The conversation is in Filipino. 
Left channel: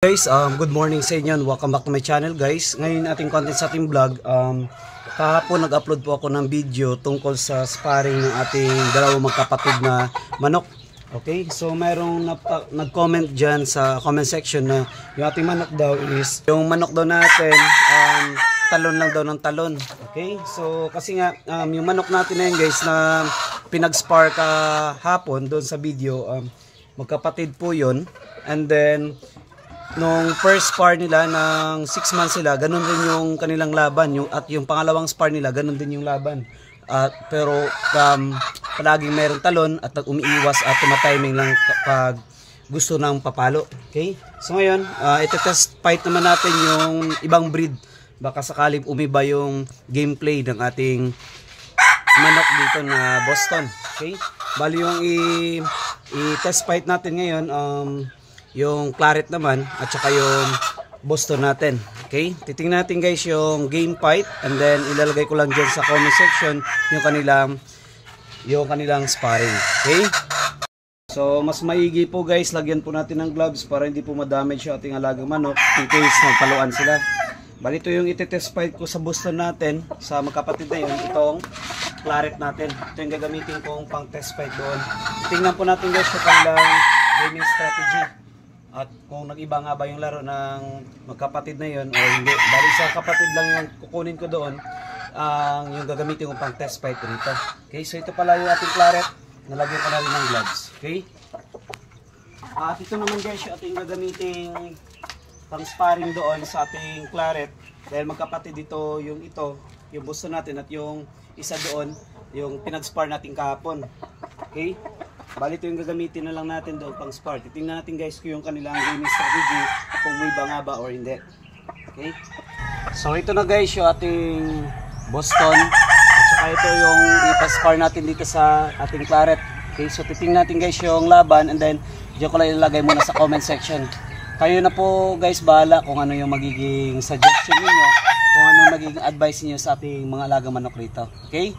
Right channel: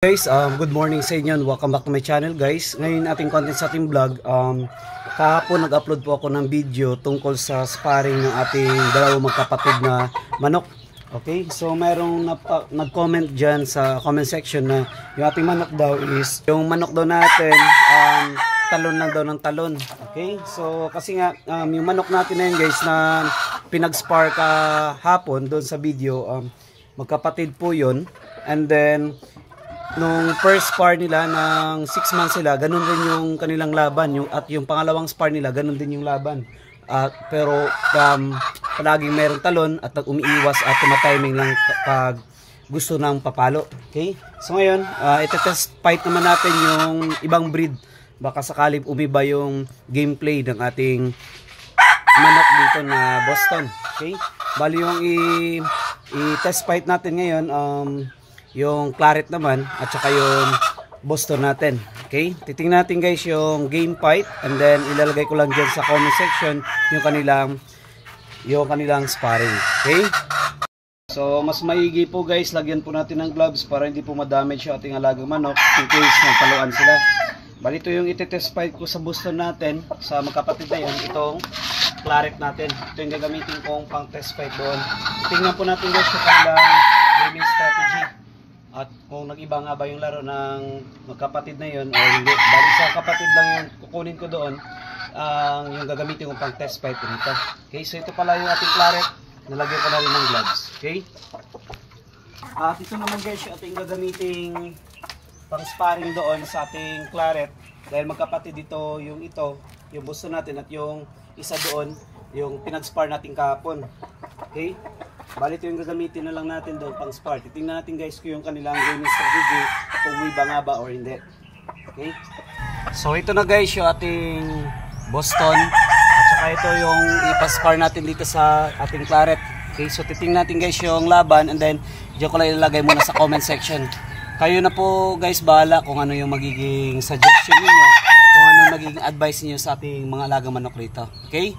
Guys, good morning sa inyo and welcome back to my channel guys. Ngayon ating content sa ating vlog, kahapon nag-upload po ako ng video tungkol sa sparring ng ating dalawang magkapatid na manok. Okay, so mayroong nag-comment dyan sa comment section na yung ating manok daw is, yung manok daw natin, talon lang daw ng talon. Okay, so kasi nga, yung manok natin na yun guys na pinag-spar kahapon doon sa video, magkapatid po yun. And then, nung first spar nila ng 6 months sila, ganun din yung kanilang laban, at yung pangalawang spar nila, ganun din yung laban. Pero palaging mayroong talon at umiiwas at tumatiming lang pag gusto ng papalo. Okay? So ngayon, ito-test fight naman natin yung ibang breed. Baka sakali umiba yung gameplay ng ating manok dito na Boston. Okay? Bali yung i-test fight natin ngayon, yung claret naman at saka yung Boston natin. Okay? Titingnan natin guys yung game fight and then ilalagay ko lang dyan sa comment section yung kanilang sparring. Okay? So mas maigi po guys, lagyan po natin ng gloves para hindi po ma-damage yung ating alagang manok in case nagpaluan sila. Bali ito yung iti-test fight ko sa Boston natin, sa magkapatid na yun, itong claret natin. Ito yung gagamitin kong pang test fight doon. Tingnan po natin guys yung kanilang gaming strategy. At kung nag-iba nga ba yung laro ng magkapatid na yun o hindi. Bali sa kapatid lang yung kukunin ko doon, yung gagamitin ko pang test fight rito. Okay, so ito pala yung ating claret. Nalagyan ko na rin ng gloves. Okay. At ito naman guys yung ating gagamiting pang sparring doon sa ating claret. Dahil magkapatid dito yung Boston natin at yung isa doon, yung pinag-spar natin kahapon. Okay. Bali ito yung gagamitin na lang natin doon pang spar. Titingnan natin guys kung yung kanilang gaming strategy kung may ba nga ba or hindi. Okay? So ito na guys yung ating Boston. At saka ito yung ipaspar natin dito sa ating claret. Okay? So titingnan natin guys yung laban and then diyan ko lang ilalagay muna sa comment section. Kayo na po guys bahala kung ano yung magiging suggestion niyo, kung ano yung magiging advice niyo sa ating mga alagang manok rito. Okay?